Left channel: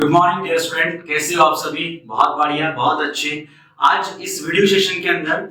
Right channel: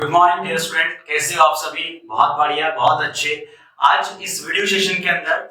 Good morning dear student, कैसे हो आप सभी? बहुत बढ़िया, बहुत अच्छे। आज इस वीडियो सेशन के अंदर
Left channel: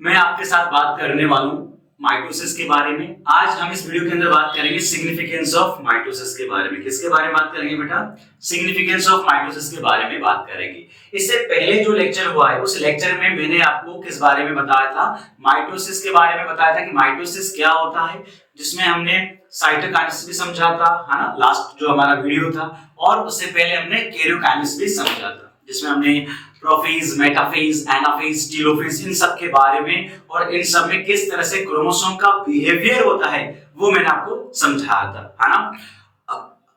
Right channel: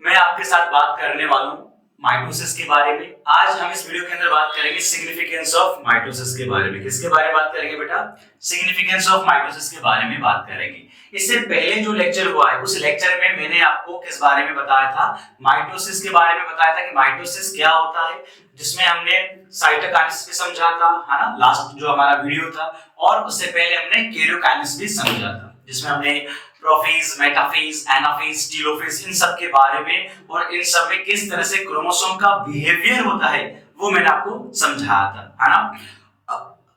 मैं आपके साथ बात करने वाला हूँ माइटोसिस के बारे में। आज हम इस वीडियो के अंदर बात करेंगे सिग्निफिकेंस ऑफ माइटोसिस के बारे में। किसके बारे में बात करेंगे बेटा? सिग्निफिकेंस ऑफ माइटोसिस के बारे में बात करेंगे। इससे पहले जो लेक्चर हुआ है उस लेक्चर में मैंने आपको किस बारे में बताया था? माइटोसिस के बारे में बताया था कि माइटोसिस क्या होता है, जिसमें हमने साइटोकाइनेसिस भी समझा था, है ना, लास्ट जो हमारा वीडियो था। और उससे पहले हमने कैरियोकाइनेसिस भी समझा था, जिसमें हमने प्रोफेज, मेटाफेज, एनाफेज, टेलोफेज इन सब के बारे में और इन सब में किस तरह से क्रोमोसोम का बिहेवियर होता है वो मैंने आपको समझाया था, है ना।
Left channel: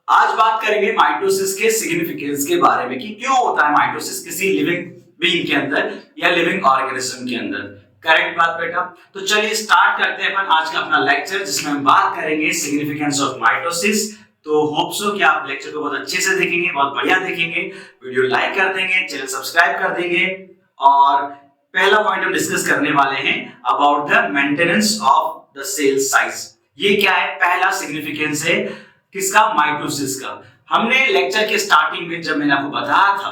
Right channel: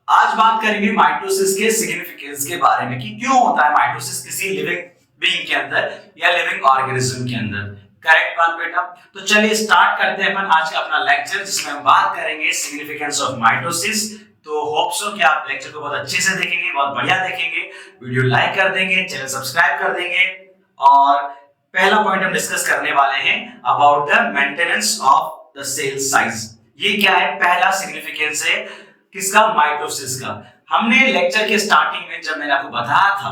आज बात करेंगे माइटोसिस के सिग्निफिकेंस के बारे में कि क्यों होता है माइटोसिस किसी लिविंग बीइंग के अंदर या लिविंग ऑर्गेनिज्म के अंदर। करेक्ट बात बेटा। तो चलिए स्टार्ट करते हैं अपन आज का अपना लेक्चर, जिसमें हम बात करेंगे सिग्निफिकेंस ऑफ माइटोसिस। तो होप सो कि आप लेक्चर को बहुत अच्छे से देखेंगे, बहुत बढ़िया देखेंगे, वीडियो लाइक कर देंगे, चैनल सब्सक्राइब कर देंगे। और पहला पॉइंट हम डिस्कस करने वाले हैं about the maintenance of the cell size. ये क्या है? पहला सिग्निफिकेंस है किसका? माइटोसिस का। हमने लेक्चर के स्टार्टिंग में जब मैंने आपको बताया था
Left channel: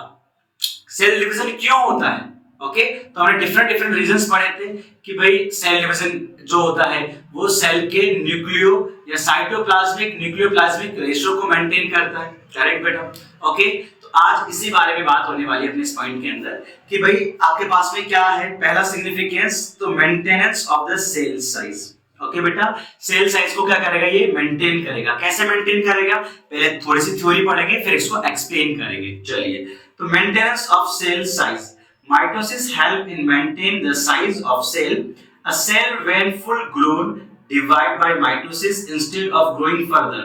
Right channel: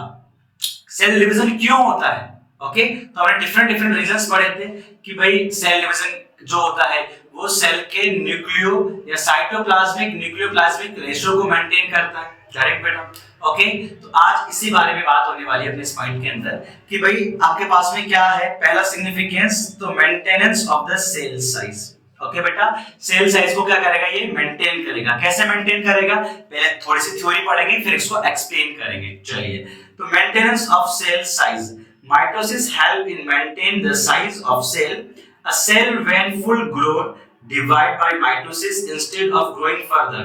सेल डिवीजन क्यों होता है, ओके, तो हमने डिफरेंट रीजंस पढ़े थे कि भाई सेल डिवीजन जो होता है वो सेल के न्यूक्लियो या साइटोप्लाज्मिक न्यूक्लियोप्लाज्मिक रेशियो को मेंटेन करता है। करेक्ट बेटा, ओके। तो आज इसी बारे में बात होने वाली है अपने इस पॉइंट के अंदर कि भाई आपके पास में क्या है पहला सिग्निफिकेंस, तो maintenance of the cell size. Okay बेटा, सेल साइज को क्या करेगा? ये मेंटेन करेगा। कैसे मेंटेन करेगा? पहले थोड़ी सी थ्योरी पढ़ेंगे, फिर इसको एक्सप्लेन करेंगे। चलिए, तो maintenance of cell size. Mitosis help in maintain the size of cell. A cell when full grown divide by mitosis instead of growing further.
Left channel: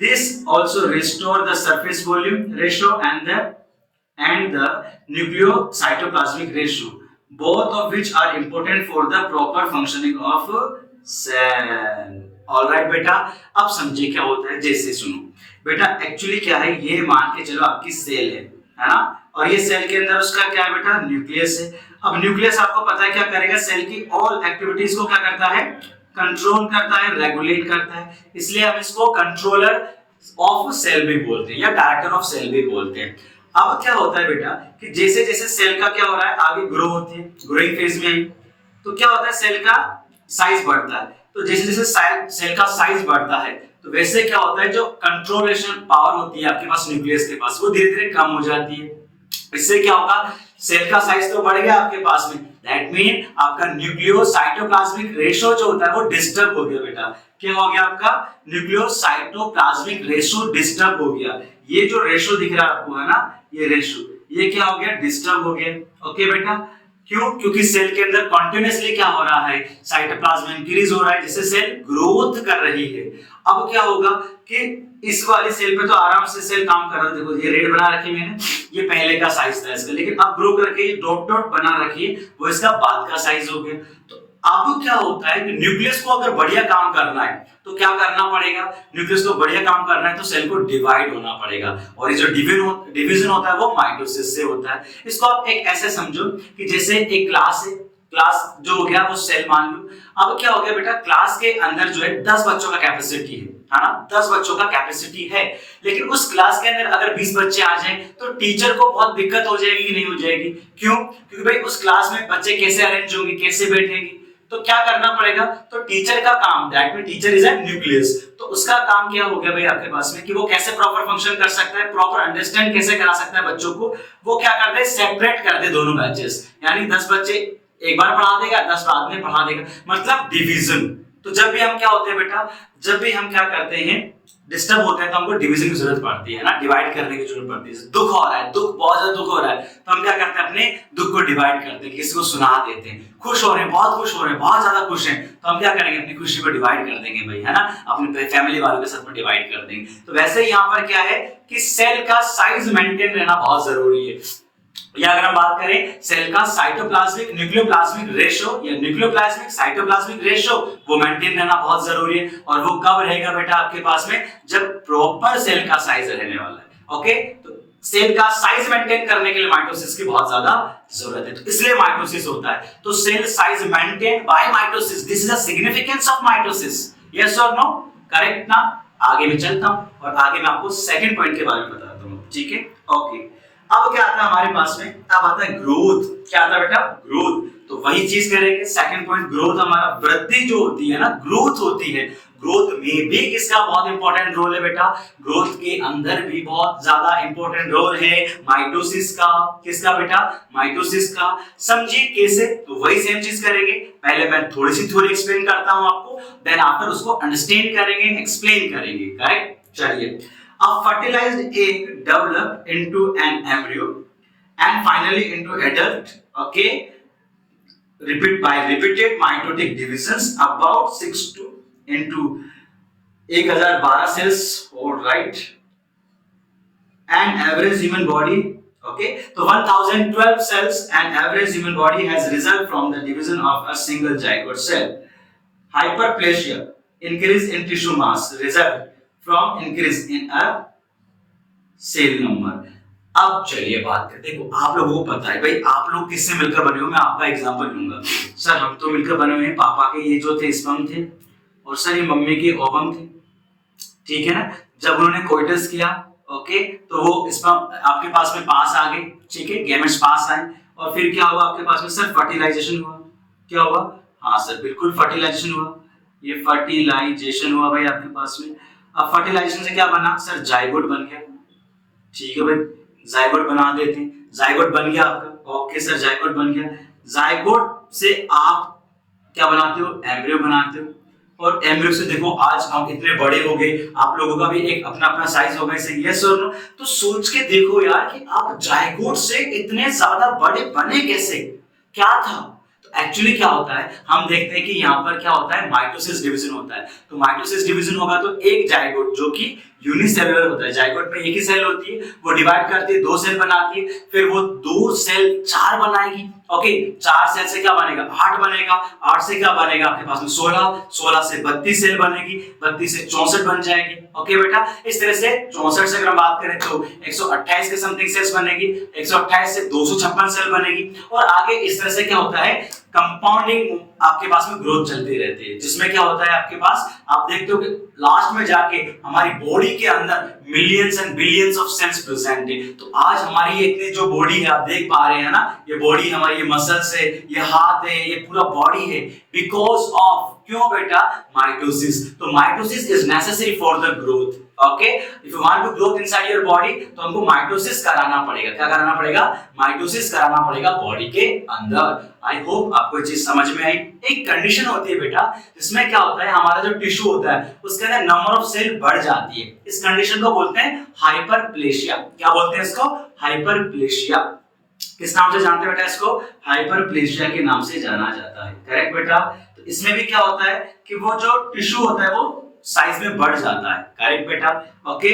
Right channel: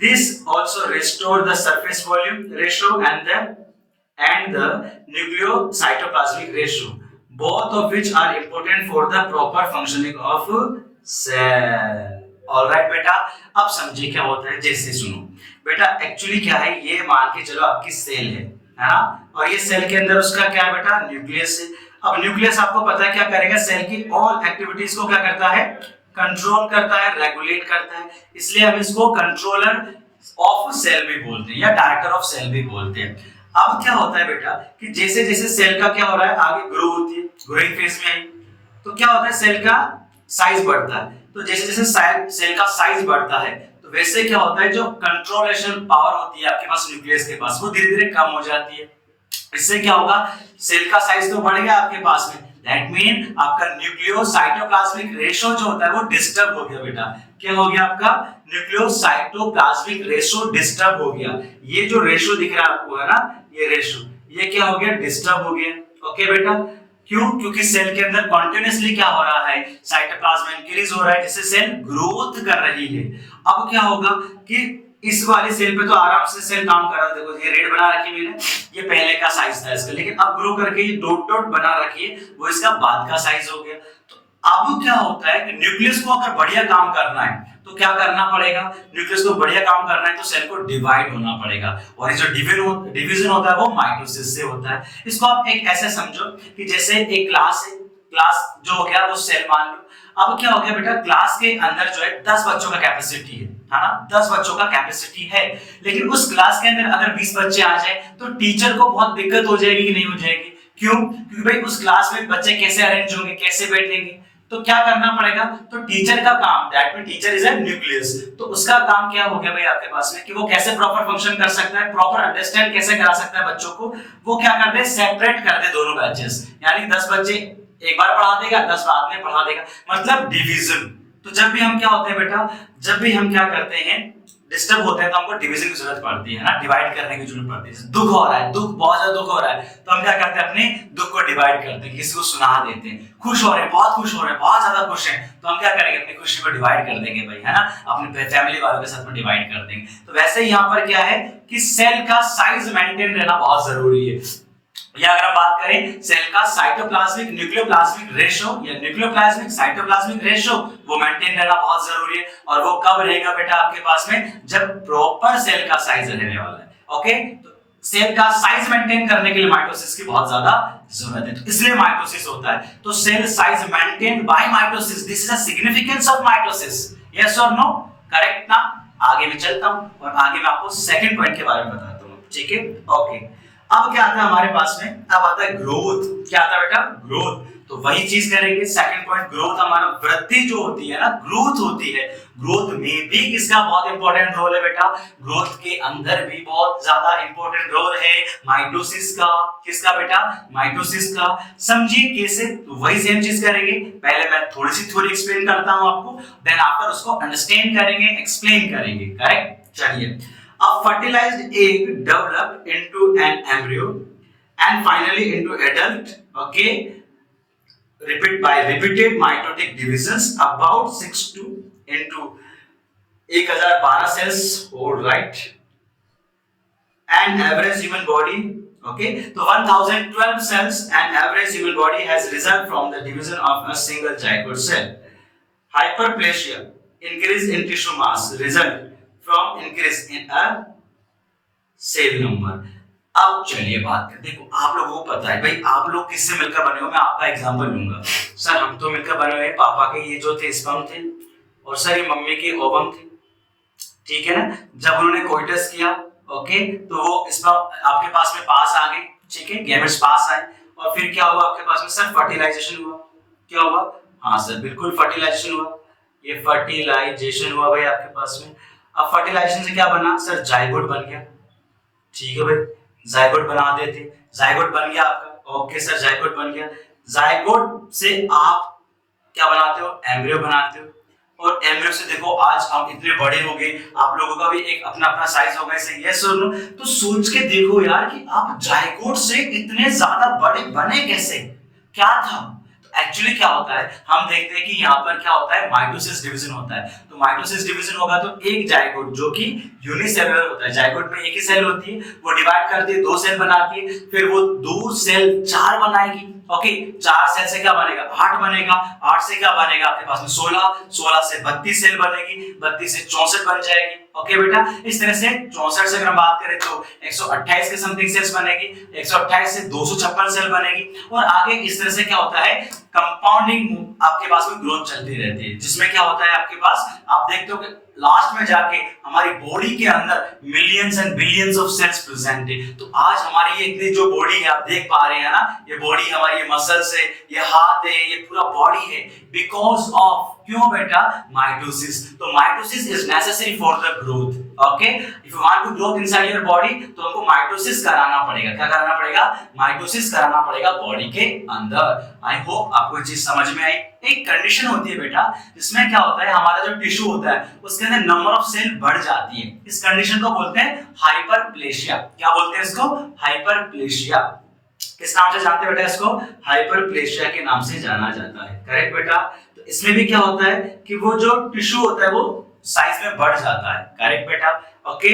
This also restore the surface volume ratio and the nucleocytoplasmic ratio, both of which are important for the proper functioning of cell. Alright बेटा, अब समझिए क्या होता है। जैसे सुनो बेटा, actually क्या है, ये मान के चलो आपकी सेल है ना, और ये सेल के अंदर उसका क्या है बेटा? न्यूक्लियस है। अब न्यूक्लियस आपको पता है क्या करेगा? सेल की ऑल एक्टिविटीज को क्या करता है? कंट्रोल करता है, रेगुलेट करता है। इसलिए हम इसको कंट्रोलर ऑफ सेल भी बोलते हैं या डायरेक्टर ऑफ सेल भी बोलते हैं। अब क्या होता है बेटा कि जैसे जैसे सेल का क्या हो रहा है, आगे ग्रो होती है, ग्रोइंग फेज में आई, तो क्या होता है? सेल का साइज बढ़ता है। तो जैसे जैसे सेल का साइज बढ़ता है तो वैसे क्या होता है, जो कंट्रोलेशन पावर होती है आपके पास न्यूक्लियस के पास, वो धीरे धीरे कम हो जाती है। इससे क्या होगा? सेल का साइज तो बढ़ गया आपके पास में, दैट मीन आपका न्यूक्लियोसाइटोप्लाज्मिक रेशियो जो होता है वो डिस्टर्ब हो गया बेटा। क्या हो गया? आपका न्यूक्लियोसाइटोप्लाज्मिक रेशियो डिस्टर्ब हो गया। ये जो रेशियो दिख रहा है आपको, है ना, ये रेशियो, ये क्या हो गया? डिस्टर्ब हो गया। ओके बेटा, क्यों? क्योंकि सेल के अंदर कॉन्टिन्यूअसली क्या हो रहा है? साइटोप्लाज्म इंक्रीज हो रहा है, जिससे सेल ग्रोथ कर रही है। अब क्या होगा कि इस वाली सेल पे तो आराम से सेल काम कर रहा है। देखो ये रेड बना रखी मैंने, ये पहले का साइज था इसका, लेकिन अब ग्रो करके ये डॉट डॉट बना रखी है, वो इसका बाद का साइज हो गया। तो अब क्या होता है कि न्यूक्लियस को अगर बढ़िया काम करना है तो क्या करना पड़ेगा? न्यूक्लियस को बढ़िया काम करना है तो सेल को डिवाइड होना पड़ेगा, और ये जो डिवीजन होता है वो माइटोसिस से होता है। इसको आप एक ऐसे समझो कि जैसे एक क्लास है, क्लास जो हो गया वो सेल मान लो। अब क्या हो गया बेटा, क्लास के अंदर जो है 10 बच्चों का कैपेसिटी है ना, 10 बच्चों का कैपेसिटी है, लेकिन उस क्लास के अंदर अगर 20 बच्चे आ जाए तो टीचर को बहुत दिक्कत हो जाएगी कि नहीं हो जाएगी? क्यों? क्योंकि भाई उस क्लास में बच्चे कैसे अरेंज होंगे, कैसे बैठेंगे, तो क्या करना पड़ेगा? तो टीचर का काम, that mean teacher is a nucleus, तो उसका काम क्या हो गया भाई आपके पास में कि वो कैसे प्रॉपर फंक्शन कर सकता है, प्रॉपर अंडरस्टैंड कैसे करा सकता है बच्चों को। वो क्या कर दे? सेपरेट कर दे दोनों बैचेस, यानी 10 बच्चे एक बार पढ़ा देगा, 10 बाद में पढ़ा देगा, मतलब डिवीजन। तो जब भी हम क्या होते हैं बेटा, जब भी हम क्या करते हैं, डिस्टर्ब होते हैं, तो हमको डिवीजन की जरूरत पड़ती है ना, डिवाइड करने की जरूरत पड़ती है। दुख हो रहा है, दुख बहुत ज्यादा दुख हो रहा है, तो हम क्या करते हैं? अपने दुख को डिवाइड करते हैं, किसी को सुना देते हैं। खुश हो रहे हैं, बहुत खुश हो रहे हैं, बहुत ज्यादा खुश हैं, तो हम क्या करेंगे? अपनी खुशी को डिवाइड कर देंगे भाई, है ना, अपने फैमिली वालों के साथ में डिवाइड कर देंगे। तो वैसे ही यहाँ पर क्या है कि सेल का साइज मेंटेन रहना बहुत जरूरी है। या अगर हम बात करें सेल का साइटोप्लाज्मिक न्यूक्लियोप्लाज्मिक रेशियो या न्यूक्लियोप्लाज्मिक साइटोप्लाज्मिक रेशियो, वो मेंटेन रहना बहुत जरूरी है। और वो कब रहेगा बेटा आपके पास में? जब प्रॉपर सेल का साइज रहने वाला है। ओके, तो सेल का साइज मेंटेन करने के लिए माइटोसिस की बहुत ज्यादा जरूरत है, तो इसलिए माइटोसिस होता है। तो cell size maintain by mitosis, this is the significance of mitosis. Yes और नो? करेक्ट ना? आगे मैं चलता हूं और आगे मैं आपको सेकंड पॉइंट के बारे में बताता हूं। ठीक है, ओके। अब क्या आता है हमारे पास में, अब आता है ग्रोथ। क्या आता है बेटा, ग्रोथ। तो वही चीज करेंगे, सेकंड पॉइंट ग्रोथ, हमारा वृद्धि जो होती है ना, ग्रोथ होती है। ग्रोथ में भी किसका बहुत इंपॉर्टेंट रोल है बेटा, ग्रोथ के अंदर भी बहुत ज्यादा इंपॉर्टेंट रोल है माइटोसिस का। किसका बेटा, माइटोसिस का। समझिए कैसे, तो वही सेम चीज करेंगे। पहले मैं थोड़ी सी थ्योरी एक्सप्लेन करता हूं आपको, देन आफ्टर उसको अंडरस्टैंड करेंगे, एक्सप्लेन करेंगे, करेक्ट। चलिए, a fertilized egg developed into an embryo and finally into adult, okay, repeated mitotic divisions about 6 to into 1012 cells, all right, and average human body, okay, so 1012 cells and average human body has resulted from the division of a single zygote cell. Hyperplasia, increase in tissue mass, result from increase in a cell number. अब चलिए बात करते हैं। देखो आप लोगों को पता है भाई, आप लोग किससे मिलकर बने हो, मैं आपका एग्जांपल लूंगा। सर हम तो मिलकर बने हुए हैं, पापा के ये जो थे स्पर्म थे, और सर ये मम्मी के ओवम थे, ठीक है ना। जब उन्होंने कोइटस किया, ओके, तो वो स्पर्म आपके पास में पास आ गए, ठीक है, गैमेट्स पास आए, और फिर क्या हुआ आपके पास में, सर फर्टिलाइजेशन हुआ। क्या हुआ, हाँ सर बिल्कुल फर्टिलाइजेशन हुआ, ये फर्टिलाइजेशन हुआ भाई आपके पास में। अब फर्टिलाइजेशन से क्या बना, सर जाइगोट बन गया, ठीक है भाई, जाइगोट बना देते, जाइगोट बन गया आपका, ओके सर जाइगोट बन गया। जाइगोट से आप क्या बनाते हो, एम्ब्रियो बनाते हो, और एम्ब्रियो से देखो आज हम इतने बड़े हो गए, आप लोगों का भी एक अपना अपना साइज होगा, इसे यस और नो। तो सोच के देखो यार कि आप जाइगोट से इतने ज्यादा बड़े बने कैसे, क्या था। तो एक्चुअली क्या होता है, हम देखते हैं कि यहाँ पर क्या होता है, माइटोसिस डिवीजन होता है। तो माइटोसिस डिवीजन होगा तो एक जाइगोट जो कि यूनिसेलुलर होता है, जाइगोट में एक ही सेल होती है, वो डिवाइड करती है, 2 सेल बनाती है, फिर वो 2 सेल 4 बनाएगी, ओके, 4 सेल से क्या बनेगा, 8 बनेगा, 8 से क्या बनेगा आपके पास में 16, 16 से 32 सेल बनेगी, 32 से 64 बन जाएगी, ओके बेटा। इस तरह से 64 से अगर हम बात करें तो 128 के समथिंग सेल्स बनेगी, 128 से 256 सेल बनेगी, और आगे इस तरह से क्या होता है, कंपाउंडिंग आपके पास में ग्रोथ चलती रहती है, जिसमें क्या होता है आपके पास, आप देखते हो कि लास्ट में जाके हमारी बॉडी के अंदर millions and billions of cells present है। तो आज हमारी ये इतनी जो बॉडी है आप देख पा रहे हैं ना, ये बॉडी हमारी, ये मसल्स है, ये हाथ है, ये पूरा बॉडी है, बिकॉज ऑफ, क्यों बेटा, माइटोसिस। तो mitosis is necessary for the growth, okay. If you want to growth inside your body, तो हमको माइटोसिस कराना पड़ेगा। क्या कराना पड़ेगा, माइटोसिस कराना पड़ेगा बॉडी के अंदर। आई होप आपको ये चीज समझ में आई। एक कंडीशन होती है बेटा, जिसमें क्या होता है, हमारा जो टिश्यू होता है उसके अंदर नंबर ऑफ सेल बढ़ जाती है, इस कंडीशन को बोलते हैं हाइपरप्लेशिया। क्या बोलते हैं इसको, हाइपरप्लेशिया। किस नाम से जानते हैं बेटा इसको, हाइपरप्लेशिया के नाम से जाना जाता है, करेक्ट बेटा। तो इसमें भी क्या होता है कि वो जो टिश्यू होता है वो साइज में बढ़ जाता है, करेक्ट बेटा, ओके।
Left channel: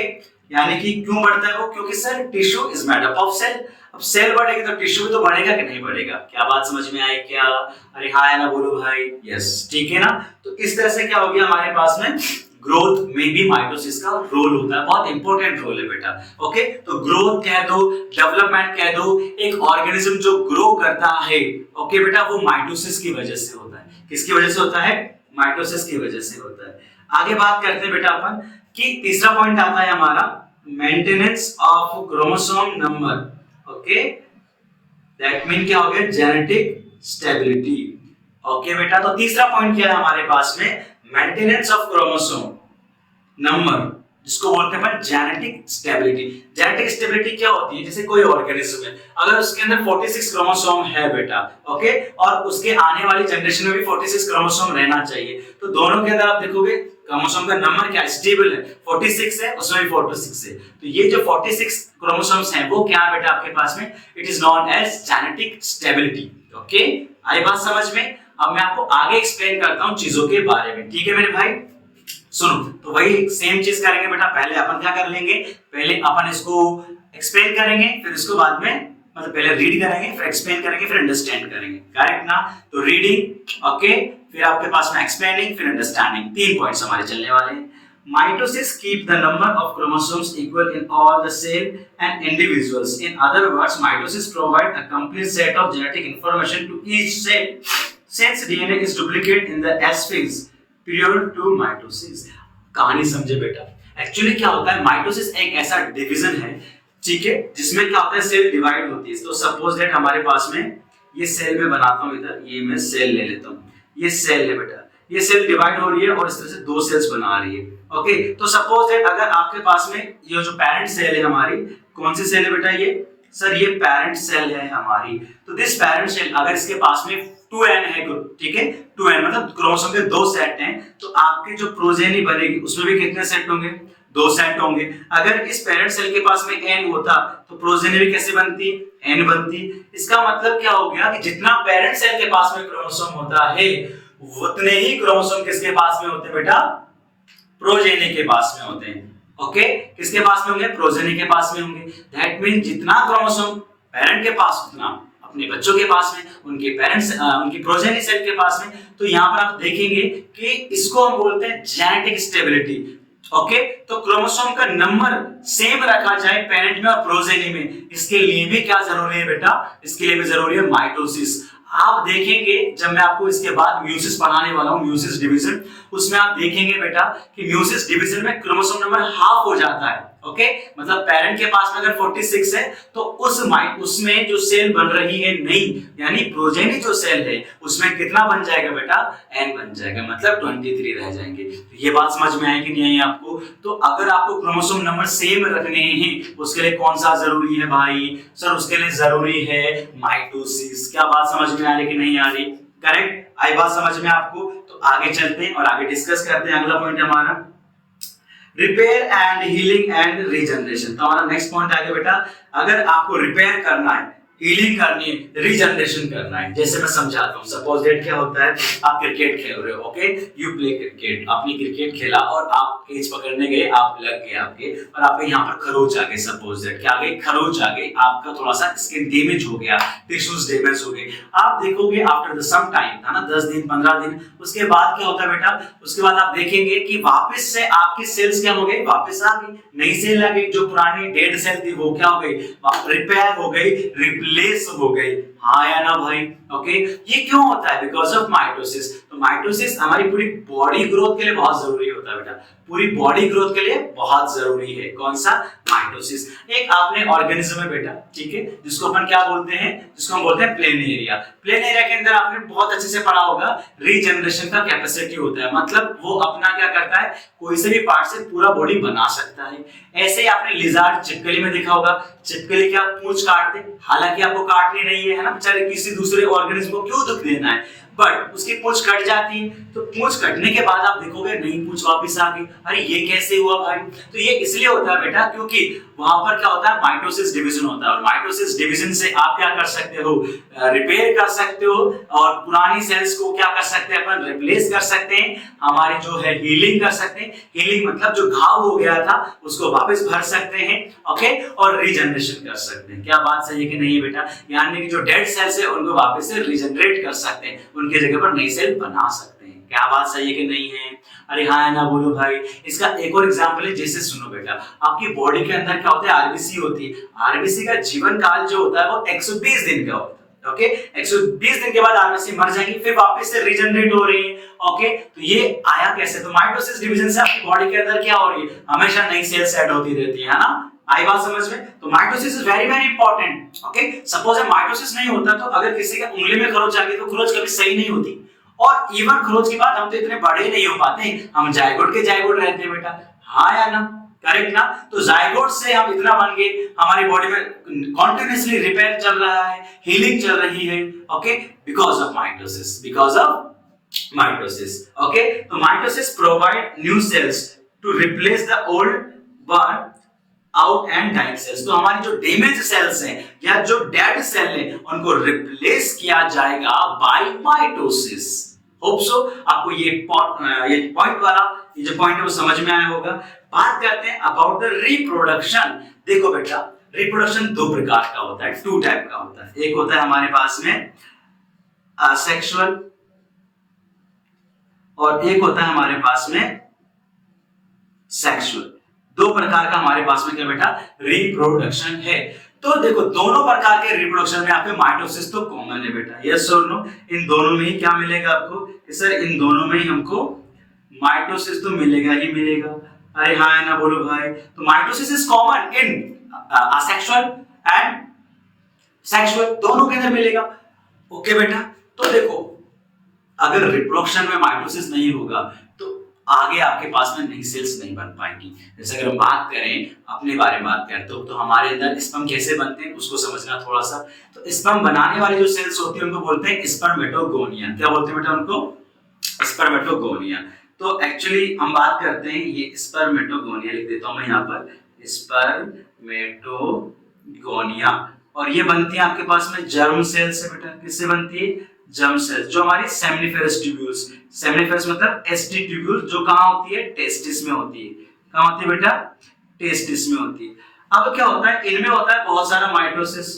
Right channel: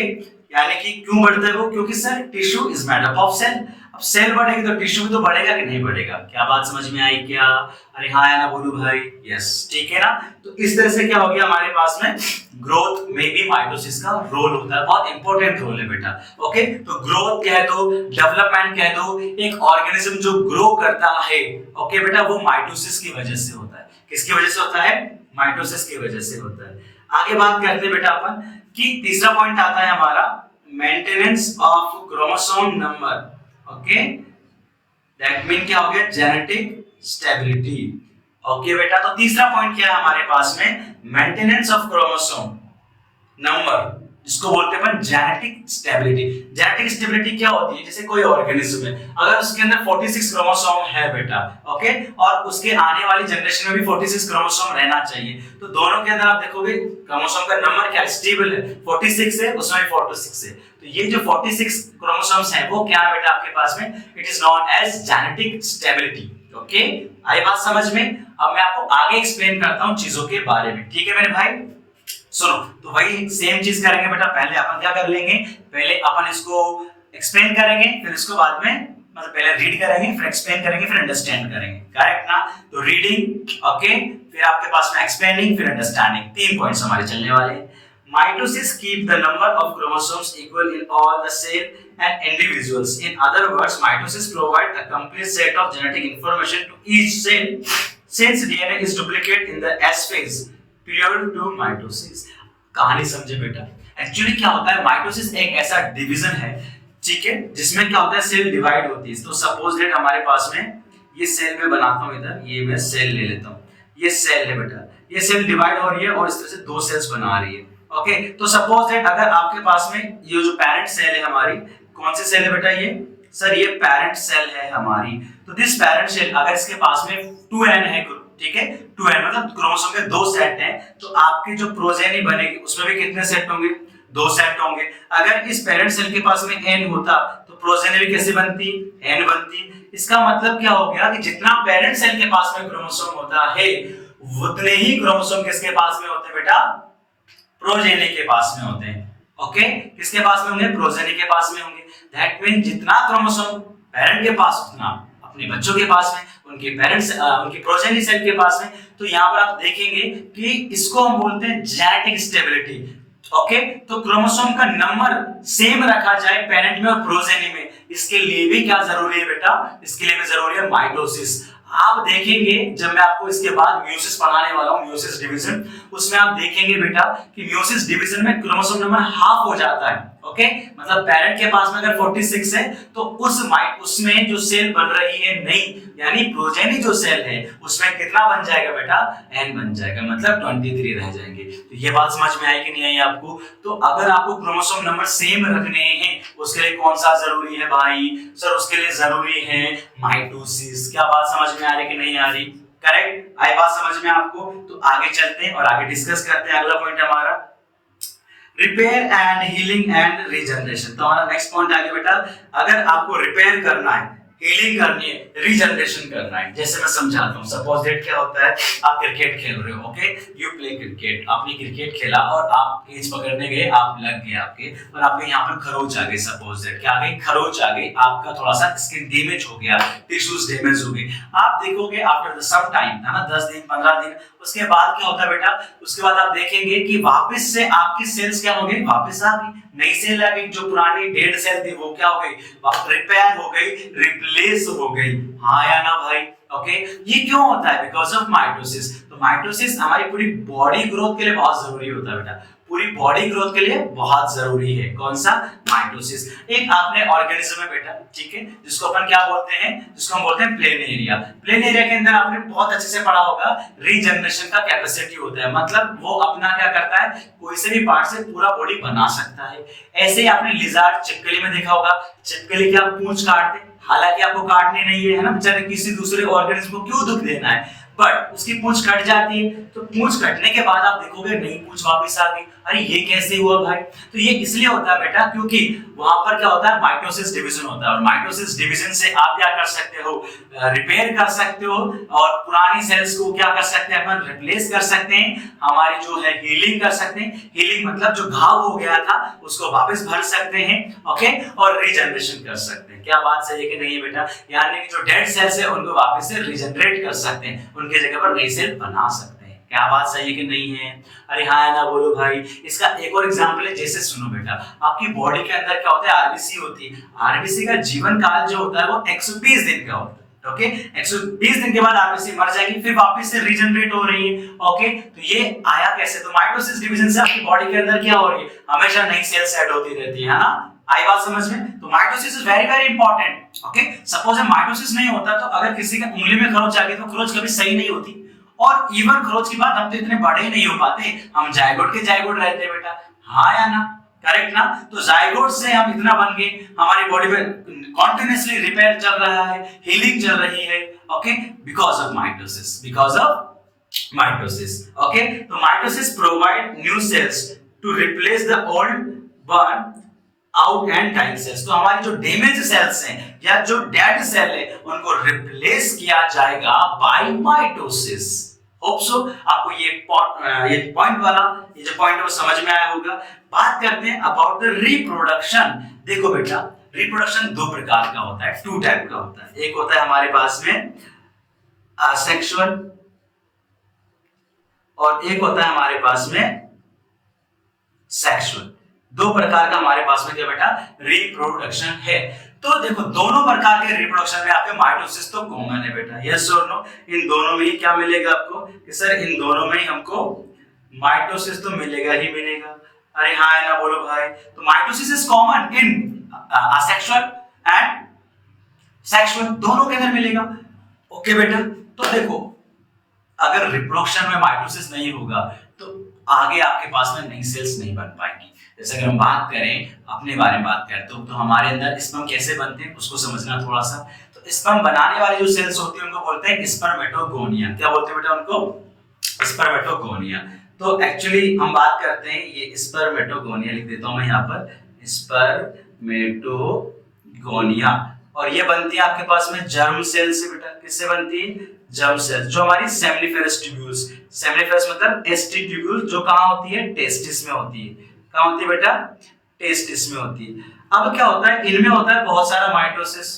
यानी कि क्यों बढ़ता है वो, क्योंकि sir tissue is made up of cell. अब सेल बढ़ेगी तो टिश्यू भी तो बढ़ेगा कि नहीं बढ़ेगा। क्या बात समझ में आई क्या, अरे हाँ या ना बोलो भाई, यस, ठीक है ना। तो इस तरह से क्या हो गया हमारे पास में, ग्रोथ में भी माइटोसिस का रोल होता है, बहुत इंपॉर्टेंट रोल है बेटा, ओके। तो ग्रोथ कह दो, डेवलपमेंट कह दो, एक ऑर्गेनिज्म जो ग्रो करता है, ओके बेटा, वो माइटोसिस की वजह से होता है। किसकी वजह से होता है, माइटोसिस की वजह से होता है। आगे बात करते हैं बेटा अपन कि तीसरा पॉइंट आता है हमारा, maintenance of chromosome number, okay, that mean क्या हो गया, जेनेटिक स्टेबिलिटी, ओके बेटा। तो तीसरा पॉइंट क्या है हमारे पास में, मेंटेनेंस ऑफ क्रोमोसोम नंबर, जिसको बोलते हैं अपन जेनेटिक स्टेबिलिटी। जेनेटिक स्टेबिलिटी क्या होती है, जैसे कोई ऑर्गेनिज्म है, अगर उसके अंदर 46 क्रोमोसोम है बेटा, ओके, और उसके आने वाली जनरेशन में भी 46 क्रोमोसोम रहना चाहिए, तो दोनों के अंदर आप देखोगे क्रोमोसोम का नंबर क्या स्टेबल है, 46 है, उसमें भी 46 है। तो ये जो 46 क्रोमोसोम्स हैं वो क्या है बेटा आपके पास में, it is known as genetic stability, okay. आई बात समझ में। अब मैं आपको आगे एक्सप्लेन करता हूं चीजों के बारे में, ठीक है मेरे भाई। सुनो, तो वही सेम चीज करेंगे बेटा। पहले अपन क्या कर लेंगे, पहले अपन इसको एक्सप्लेन करेंगे, फिर इसको बाद में, मतलब पहले रीड करेंगे, फिर एक्सप्लेन करेंगे, फिर अंडरस्टैंड करेंगे, करेक्ट ना। तो रीडिंग, ओके, फिर आपके पास में एक्सप्लेनिंग, फिर अंडरस्टैंडिंग, 3 पॉइंट्स हमारे चलने वाले हैं। Mitosis keep the number of chromosomes equal in all the cell and individuals. In other words, mitosis provide a complete set of genetic information to each cell since DNA is duplicated in the S phase period to mitosis. कहानी समझे बेटा। Actually क्या होता है, mitosis एक ऐसा division है ठीक है, जिसमें क्या होता है सेल डिवाइड होती है। तो सपोज दैट हमारे पास में ये सेल में बनाता हूं, इधर ये मैं सेल ले लेता हूं, ये सेल है बेटा, ये सेल डिवाइड हो रही है और इस तरह से दो सेल्स बना रही है। ओके, तो सपोज दैट अगर आपके पास में ये जो पेरेंट सेल है हमारी, कौन सी सेल है बेटा ये सर, ये पेरेंट सेल है हमारी। तो दिस पेरेंट सेल अगर इसके पास में 2n है, ठीक है 2n मतलब क्रोमोसोम के दो सेट हैं, तो आपकी जो प्रोजेनी बनेगी उसमें भी कितने सेट होंगे, दो सेट होंगे। अगर इस पेरेंट सेल के पास में n होता तो प्रोजेनी भी कैसे बनती, n बनती। इसका मतलब क्या हो गया कि जितना पेरेंट सेल के पास में क्रोमोसोम होता है उतने ही क्रोमोसोम किसके पास में होते हैं बेटा, प्रोजेनी के पास में होते हैं। ओके, किसके पास में होंगे, प्रोजेनी के पास में होंगे। दैट मीन जितना क्रोमोसोम पेरेंट के पास उतना अपने बच्चों के पास में, उनके पेरेंट्स उनकी प्रोजेनी सेल के पास में। तो यहाँ पर आप देखेंगे कि इसको हम बोलते हैं जेनेटिक स्टेबिलिटी। ओके, तो क्रोमोसोम का नंबर सेम रखा जाए पेरेंट में और प्रोजेनी में, इसके लिए भी क्या जरूरी है बेटा, इसके लिए भी जरूरी है माइटोसिस। आप देखेंगे जब मैं आपको इसके बाद म्यूसिस पढ़ाने वाला हूं, म्यूसिस डिवीजन, उसमें आप देखेंगे बेटा कि म्यूसिस डिवीजन में क्रोमोसोम नंबर हाफ हो जाता है। ओके, मतलब पेरेंट के पास में अगर 46 है तो उसमें जो सेल बन रही है नई, यानी प्रोजेनी जो सेल है उसमें कितना बन जाएगा बेटा, n बन जाएगा, मतलब 23 रह जाएंगे। तो ये बात समझ में आई कि नहीं आई आपको। तो अगर आपको क्रोमोसोम नंबर सेम रखने हैं उसके लिए कौन सा जरूरी है भाई सर, उसके लिए जरूरी है माइटोसिस। क्या बात समझ में आ रही कि नहीं आ रही, करेक्ट, आई बात समझ में आपको। तो आगे चलते हैं और आगे डिस्कस करते हैं। अगला पॉइंट हमारा repair and healing and regeneration. तो हमारा नेक्स्ट पॉइंट आ गया बेटा, अगर आपको रिपेयर करना है, हीलिंग करनी है, रीजनरेशन करना है। जैसे मैं समझाता हूँ, सपोज दैट क्या होता है, आप क्रिकेट खेल रहे हो, ओके, यू प्ले क्रिकेट, आपने क्रिकेट खेला और आप कैच पकड़ने गए, आप लग गए आपके, और आपके यहाँ पर खरोच आ गई, सपोज दैट क्या आ गई, खरोच आ गई, आपका थोड़ा सा स्किन डैमेज हो गया, टिश्यूज डैमेज हो गए। आप देखोगे आफ्टर सम टाइम, है ना, 10 दिन 15 दिन, उसके बाद क्या होता है बेटा, उसके बाद आप देखेंगे कि वापस से आपकी सेल्स क्या हो गई, वापस आ गई, नई सेल आ गई। जो पुरानी डेड सेल थी वो क्या हो गई, रिपेयर हो गई, रिप्लेस हो गई। हाँ या ना भाई, ओके, ये क्यों होता है, बिकॉज ऑफ माइटोसिस। तो माइटोसिस हमारी पूरी बॉडी ग्रोथ के लिए बहुत जरूरी होता है बेटा, पूरी बॉडी ग्रोथ के लिए बहुत जरूरी है। कौन सा, माइटोसिस। एक आपने ऑर्गेनिज्म है बेटा, ठीक है, जिसको अपन क्या बोलते हैं, जिसको हम बोलते हैं प्लेन एरिया। प्लेन एरिया के अंदर आपने बहुत अच्छे से पढ़ा होगा, रीजनरेशन का कैपेसिटी होता है, मतलब वो अपना क्या करता है, कोई से भी पार्ट से पूरा बॉडी बना सकता है। ऐसे ही आपने लिजार्ड, चिपकली में देखा होगा, चिपकली क्या पूंछ काट दे, हालांकि आपको काटनी नहीं है, है ना, बेचारे किसी दूसरे ऑर्गेनिज्म को क्यों दुख देना है, बट उसकी पूंछ कट जाती है। तो पूंछ कटने के बाद आप देखोगे नई पूंछ वापस आ गई, अरे ये कैसे हुआ भाई। तो ये इसलिए होता है बेटा क्योंकि वहां पर क्या होता है, माइटोसिस डिवीजन होता है, और माइटोसिस डिवीजन से आप क्या कर सकते हो, रिपेयर कर सकते हो, और पुरानी सेल्स को क्या कर सकते हैं अपन, रिप्लेस कर सकते हैं, हमारी जो है हीलिंग कर सकते हैं। हीलिंग मतलब जो घाव हो गया था उसको वापस भर सकते हैं, ओके, और रीजनरेशन कर सकते हैं। क्या बात सही है कि नहीं है बेटा, यानी कि जो डेड सेल्स है उनको वापस से रीजनरेट कर सकते हैं, उनकी जगह पर नई सेल बना सकते हैं। क्या बात सही है कि नहीं है, अरे हाँ है ना, बोलो भाई। इसका एक और एग्जांपल है, जैसे सुनो बेटा, आपकी बॉडी के अंदर क्या होता है, आरबीसी होती है। आरबीसी का जीवन काल जो होता है वो 120 दिन का होता है, ओके, 120 दिन के बाद आरबीसी मर जाएगी, फिर वापस से रीजनरेट हो रही है, ओके। तो ये आया कैसे, तो माइटोसिस डिवीजन से आपकी बॉडी के अंदर क्या हो रही है, हमेशा नई सेल्स ऐड होती रहती है ना, आई बात समझ में। तो mitosis is very very important, okay. Suppose mitosis नहीं होता तो अगर किसी का उंगली में खरोच आ गई तो खरोच कभी सही नहीं होती, और इवन खरोच के बाद हम तो इतने बड़े नहीं हो पाते, हम जायगोट के जायगोट रहते हैं बेटा, हाँ या ना, करेक्ट ना। तो जायगोट से हम इतना बन गए, हमारी बॉडी में कॉन्टिन्यूअसली रिपेयर चल रहा है, हीलिंग चल रही है, okay, because of mitosis, because of mitosis, okay. तो mitosis provide new cells to replace the old burn out and dying cells. तो हमारी जो डैमेज सेल्स हैं या जो डेड सेल है उनको रिप्लेस किया जाएगा बाय माइटोसिस। होप सो आपको ये पॉइंट वाला ये जो पॉइंट है वो समझ में आया होगा। बात करते हैं अबाउट द रिप्रोडक्शन। देखो बेटा, रिप्रोडक्शन दो प्रकार का होता है, टू टाइप का होता है। एक होता है हमारे पास में असेक्सुअल और एक होता है हमारे पास में सेक्सुअल। दो प्रकार का हमारे पास में क्या बेटा, रिप्रोडक्शन है। तो देखो दोनों प्रकार के रिप्रोडक्शन में आपके माइटोसिस तो कॉमन है बेटा, यस और नो। इन दोनों में ही क्या मिलेगा आपको कि सर इन दोनों में ही हमको माइटोसिस तो मिलेगा ही मिलेगा, अरे हाँ है ना, बोलो भाई। तो mitosis is common in asexual and sexual, दोनों के अंदर मिलेगा। ओके बेटा, तो देखो अगर रिप्रोडक्शन में माइटोसिस नहीं होगा तो आगे आपके पास में नई सेल्स नहीं बन पाएंगी। जैसे अगर हम बात करें अपने बारे में बात करें तो हमारे अंदर स्पर्म कैसे बनते हैं उसको समझना थोड़ा सा। तो स्पर्म बनाने वाली जो सेल्स होती है उनको बोलते हैं स्पर्मेटोगोनिया। क्या बोलते हैं बेटा उनको? स्पर्मेटोगोनिया। तो एक्चुअली हम बात करते हैं, ये स्पर्मेटोगोनिया लिख देता हूं मैं यहाँ पर, स्पर्मेटोगोनिया, और ये बनती है आपके पास में जर्म सेल से। बेटा किससे बनती है? जर्म सेल, जो हमारी सेमिनिफेरस ट्यूब्यूल्स, सेमिनिफेरस मतलब एसटी ट्यूब्यूल, जो कहाँ होती है? टेस्टिस में होती है। कहाँ होती है बेटा? टेस्टिस में होती है। अब क्या होता है, इनमें होता है बहुत सारा माइटोसिस,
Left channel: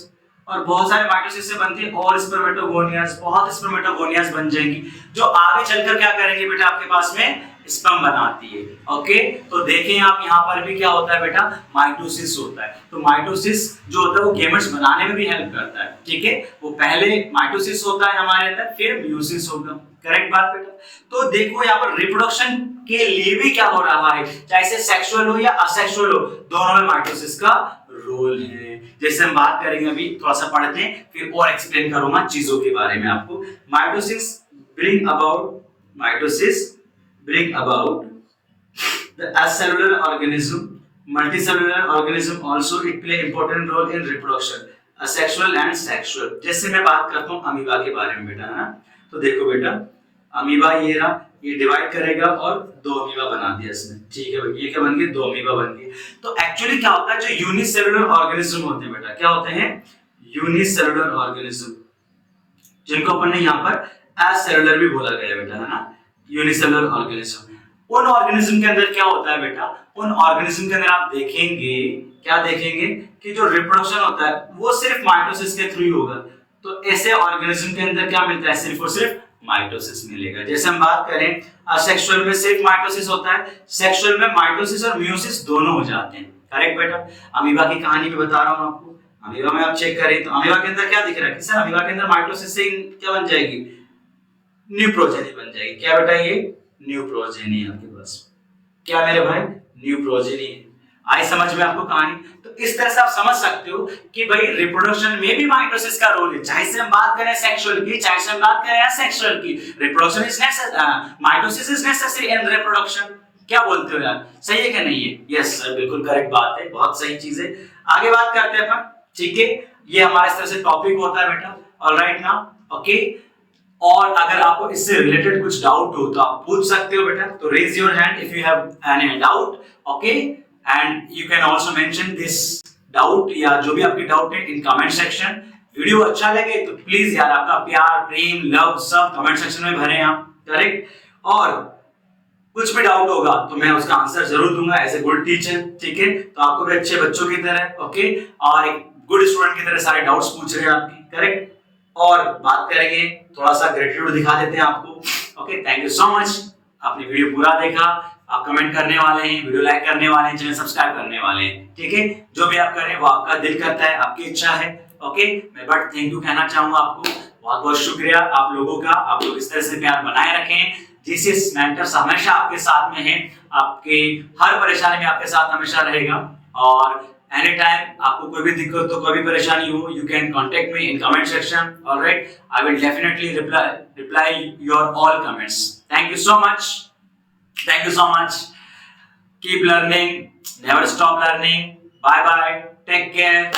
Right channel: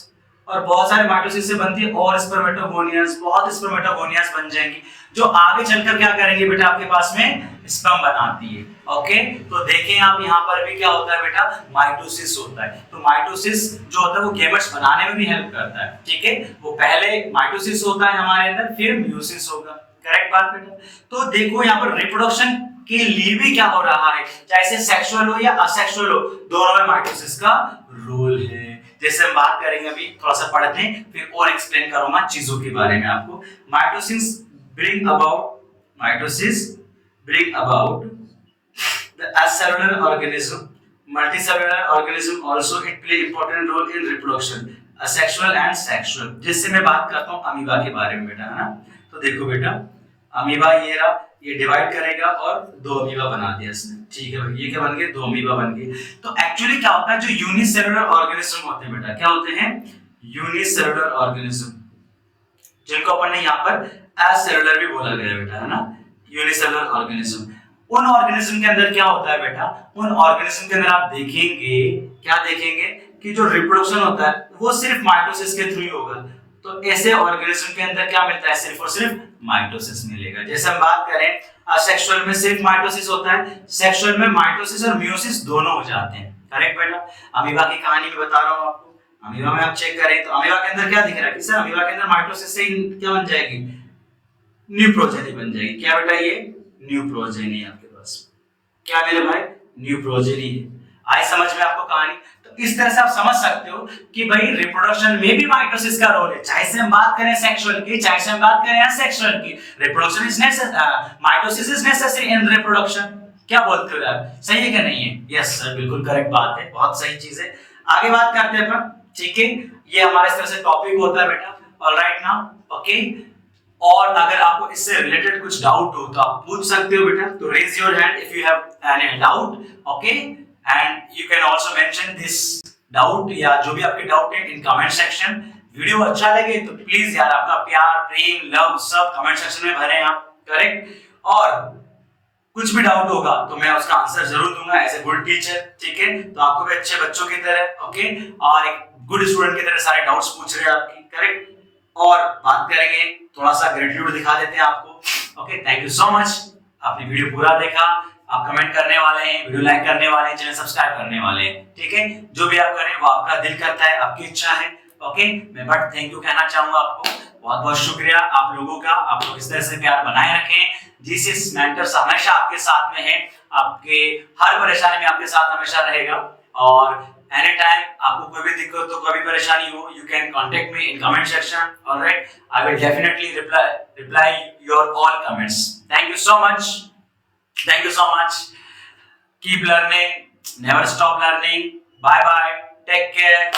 और बहुत सारे माइटोसिस से बनती है और स्पर्मेटोगोनियास, बहुत स्पर्मेटोगोनियास बन जाएंगी जो आगे चलकर क्या करेंगे बेटा आपके पास में स्पर्म बनाती है। ओके, तो देखें आप यहाँ पर भी क्या होता है बेटा? माइटोसिस होता है। तो माइटोसिस जो होता है वो गेमेट्स बनाने में भी हेल्प करता है। ठीक है, वो पहले माइटोसिस होता है हमारे अंदर, फिर म्यूसिस होगा। करेक्ट बात बेटा? तो देखो यहाँ पर रिप्रोडक्शन के लिए भी क्या हो रहा है, चाहे से सेक्सुअल हो या असेक्सुअल हो, दोनों में माइटोसिस का रोल है। जैसे हम बात करेंगे अभी, थोड़ा सा पढ़ते हैं फिर और एक्सप्लेन करूंगा चीजों के बारे में आपको। Mitosis bring about the acellular organism, multicellular organism also it play important role in reproduction, asexual and sexual। जैसे मैं बात करता हूँ अमीबा के बारे में बेटा, है ना? तो देखो बेटा अमीबा ये रहा, ये डिवाइड करेगा और दो अमीबा बना दिया इसने। ठीक है भाई, ये क्या बन गए? दो अमीबा बन गए। तो एक्चुअली क्या होता है, जो यूनिसेलुलर ऑर्गेनिज्म होते हैं बेटा, क्या होते हैं? यूनिसेलुलर ऑर्गेनिज्म, जिनको अपन ने यहाँ पर एसेलुलर भी बोला गया बेटा, है ना? Unicellular organism. उन ऑर्गेनिज्म के अंदर क्या होता है बेटा? उन ऑर्गेनिज्म के अंदर आप देखेंगे, क्या देखेंगे कि जो रिप्रोडक्शन होता है वो सिर्फ माइटोसिस के थ्रू ही होगा। तो ऐसे ऑर्गेनिज्म के अंदर क्या मिलता है? सिर्फ और सिर्फ माइटोसिस मिलेगा। जैसे हम बात करें असेक्सुअल में सिर्फ माइटोसिस होता है, सेक्सुअल में माइटोसिस और म्यूसिस दोनों हो जाते हैं। करेक्ट बेटा? अमीबा की कहानी में बता रहा हूं आपको। अमीबा में आप चेक करें तो अमीबा के अंदर क्या दिख रहा है कि सर अमीबा के अंदर माइटोसिस से क्या बन जाएगी? न्यू प्रोजेनी बन जाएगी। क्या बेटा? ये न्यू प्रोजेनी है आपके पास। क्या मेरे भाई? न्यू प्रोजेनी है। आई समझ में आपको कहानी? तो इस तरह से आप समझ सकते हो कि भाई रिप्रोडक्शन में भी माइटोसिस का रोल है, चाहे से हम बात करें सेक्सुअल की, चाहे से हम बात करें असेक्सुअल की। Reproduction is necessary, mitosis is necessary in reproduction. क्या बोलते हो यार, सही है कि नहीं है? यस सर, बिल्कुल करेक्ट बात है, बहुत सही चीज है। आगे बात करते हैं अपन। ठीक है, ये हमारे इस तरह से टॉपिक होता है बेटा। Alright now, okay. और अगर आपको इससे रिलेटेड कुछ डाउट हो तो आप पूछ सकते हो बेटा। तो raise your hand if you have any doubt, okay, and you can also mention this doubt या जो भी आपके डाउट है इन कमेंट सेक्शन। वीडियो अच्छा लगे तो प्लीज यार आपका प्यार, प्रेम, लव सब कमेंट सेक्शन में भरें आप। करेक्ट? और कुछ भी डाउट होगा तो मैं उसका आंसर जरूर दूंगा एज ए गुड टीचर। ठीक है? तो आपको भी अच्छे बच्चों की तरह, ओके, और एक गुड स्टूडेंट की तरह सारे डाउट्स पूछ रहे हैं आपकी। करेक्ट? और बात करेंगे, थोड़ा सा ग्रेटिट्यूड दिखा देते हैं आपको। Okay, thank you so much. आपने वीडियो पूरा देखा, आप कमेंट करने वाले हैं, वीडियो लाइक करने वाले हैं, चैनल सब्सक्राइब करने वाले हैं। ठीक है? जो भी आप करें वो आपका दिल करता है, आपकी इच्छा है। ओके, मैं बट थैंक यू कहना चाहूंगा आपको। बहुत बहुत शुक्रिया आप लोगों का। आप लोग इस तरह से प्यार बनाए रखें। जीसीएस मेंटर्स हमेशा आपके साथ में है, आपके हर परेशानी में आपके साथ हमेशा रहेगा। और एनी टाइम आपको कोई भी दिक्कत हो, कोई भी परेशानी हो, you can contact me in comment section. Alright, I will definitely reply your all comments. Thank you so much, thank you so much. Keep learning, never stop learning. Bye bye, take care.